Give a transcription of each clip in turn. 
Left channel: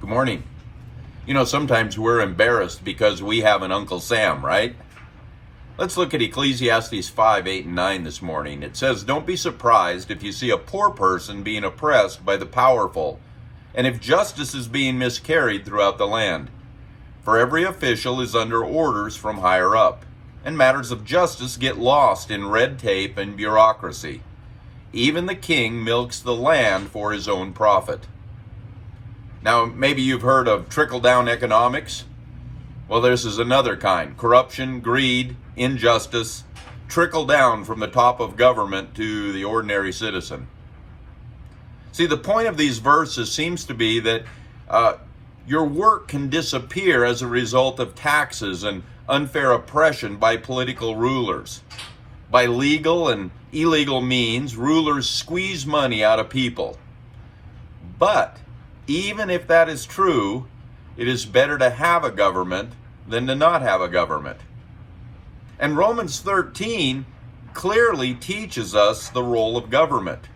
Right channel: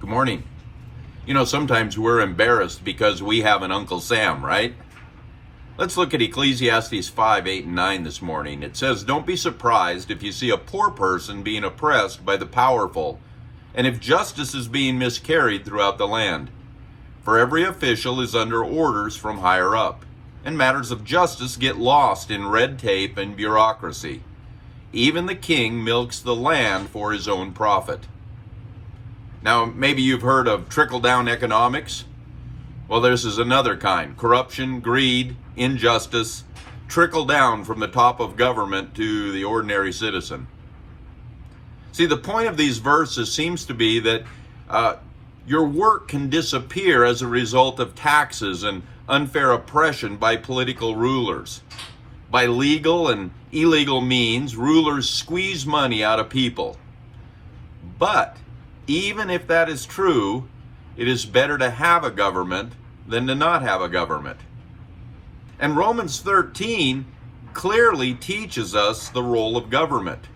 Good morning. Sometimes we're embarrassed because we have an Uncle Sam, right? Let's look at Ecclesiastes 5, 8, and 9 this morning. It says, "Don't be surprised if you see a poor person being oppressed by the powerful, and if justice is being miscarried throughout the land. For every official is under orders from higher up, and matters of justice get lost in red tape and bureaucracy. Even the king milks the land for his own profit." Now, maybe you've heard of trickle-down economics. Well, this is another kind. Corruption, greed, injustice trickle down from the top of government to the ordinary citizen. See, the point of these verses seems to be that your work can disappear as a result of taxes and unfair oppression by political rulers. By legal and illegal means, rulers squeeze money out of people. But even if that is true, it is better to have a government than to not have a government. And Romans 13 clearly teaches us the role of government.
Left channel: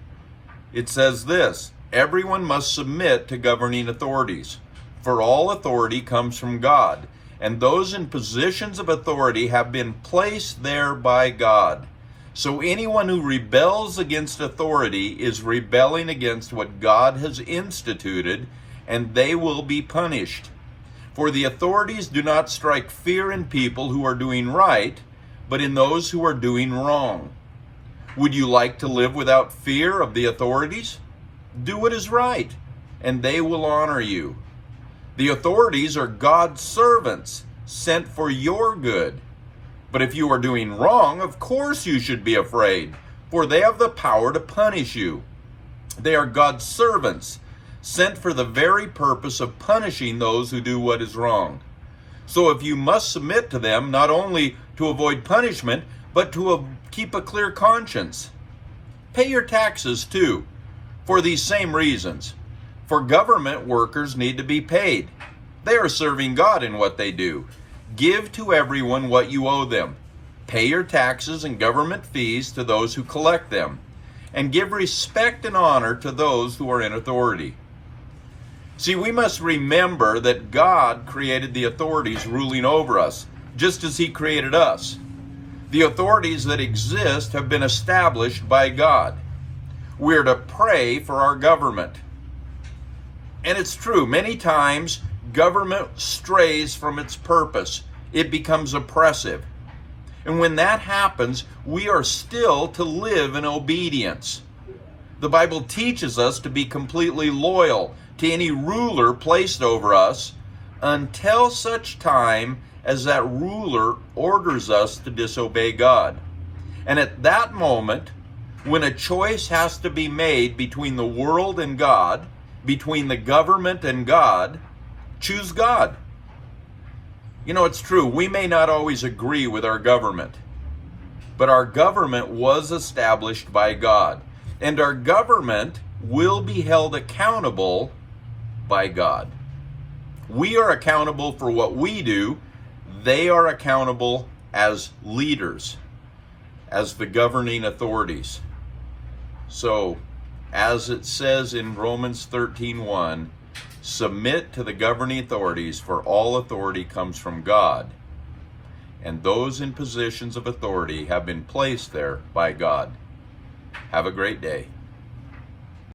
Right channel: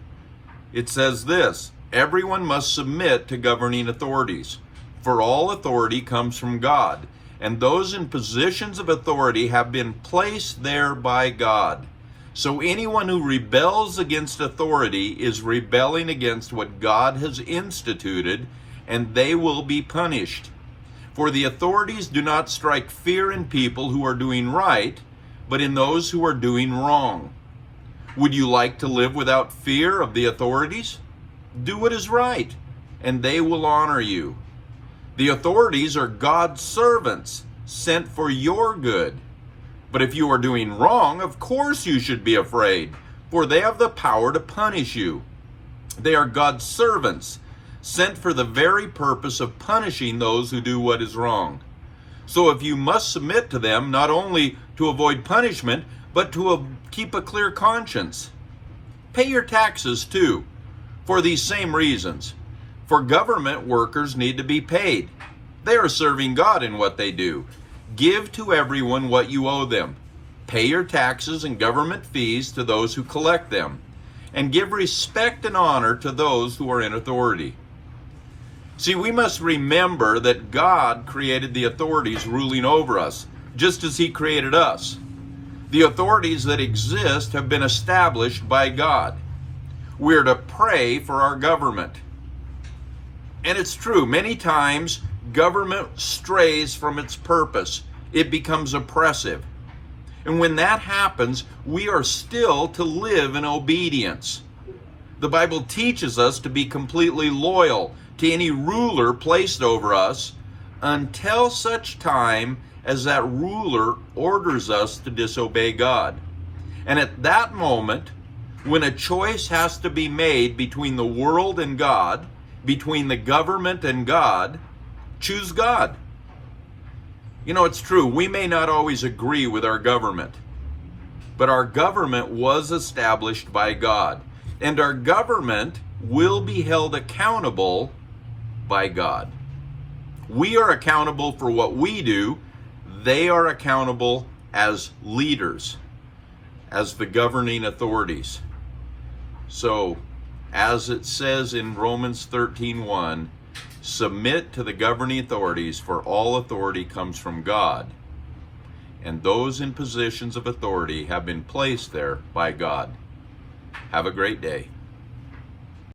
It says this: "Everyone must submit to governing authorities, for all authority comes from God, and those in positions of authority have been placed there by God. So anyone who rebels against authority is rebelling against what God has instituted, and they will be punished. For the authorities do not strike fear in people who are doing right, but in those who are doing wrong. Would you like to live without fear of the authorities? Do what is right, and they will honor you. The authorities are God's servants, sent for your good. But if you are doing wrong, of course you should be afraid, for they have the power to punish you. They are God's servants, sent for the very purpose of punishing those who do what is wrong. So if you must submit to them, not only to avoid punishment, but to keep a clear conscience. Pay your taxes too, for these same reasons. For government workers need to be paid. They are serving God in what they do. Give to everyone what you owe them. Pay your taxes and government fees to those who collect them, and give respect and honor to those who are in authority." See, we must remember that God created the authorities ruling over us, just as He created us. The authorities that exist have been established by God. We're to pray for our government. And it's true, many times government strays from its purpose. It becomes oppressive. And when that happens, we are still to live in obedience. The Bible teaches us to be completely loyal to any ruler placed over us until such time as that ruler orders us to disobey God. And at that moment, when a choice has to be made between the world and God, between the government and God, choose God. It's true, we may not always agree with our government, but our government was established by God, and our government will be held accountable by God. We are accountable for what we do. They are accountable as leaders, as the governing authorities. So, as it says in Romans 13:1, submit to the governing authorities, for all authority comes from God, and those in positions of authority have been placed there by God. Have a great day.